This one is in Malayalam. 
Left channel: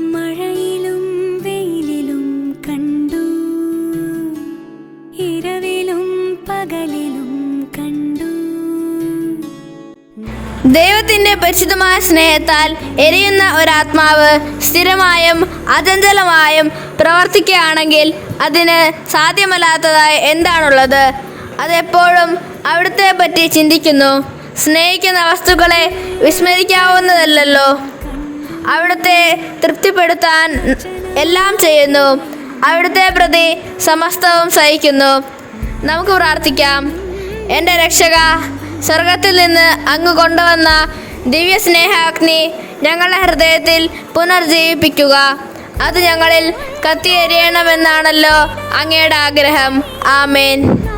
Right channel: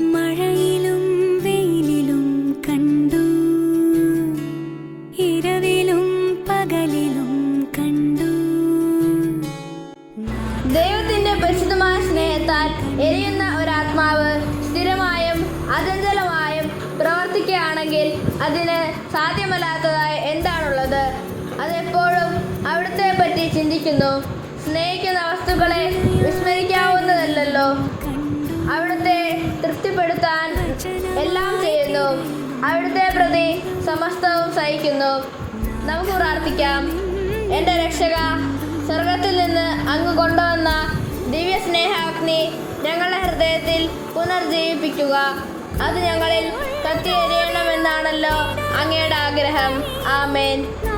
മഴയിലും വെയിലിലും കണ്ടു, ഇരവിലും പകലിലും കണ്ടു. ദൈവത്തിന്റെ പരിശുദ്ധമായ സ്നേഹത്താൽ എരിയുന്ന ഒരാത്മാവ് സ്ഥിരമായും അചഞ്ചലമായും പ്രവർത്തിക്കുകയാണെങ്കിൽ അതിന് സാധ്യമല്ലാത്തതായി എന്താണുള്ളത്? അതെപ്പോഴും അവിടുത്തെ പറ്റി ചിന്തിക്കുന്നു. സ്നേഹിക്കുന്ന വസ്തുക്കളെ വിസ്മരിക്കാവുന്നതല്ലോ. അവിടുത്തെ തൃപ്തിപ്പെടുത്താൻ എല്ലാം ചെയ്യുന്നു. അവിടുത്തെ പ്രതി സമസ്തവും സഹിക്കുന്നു. നമുക്ക് പ്രാർത്ഥിക്കാം. എൻ്റെ രക്ഷക, സ്വർഗത്തിൽ നിന്ന് അങ്ങ് കൊണ്ടുവന്ന ദിവ്യ സ്നേഹാഗ്നി ഞങ്ങളുടെ ഹൃദയത്തിൽ പുനർജീവിപ്പിക്കുക. അത് ഞങ്ങളിൽ കത്തിയെരിയണമെന്നാണല്ലോ അങ്ങയുടെ ആഗ്രഹം. ആമേൻ.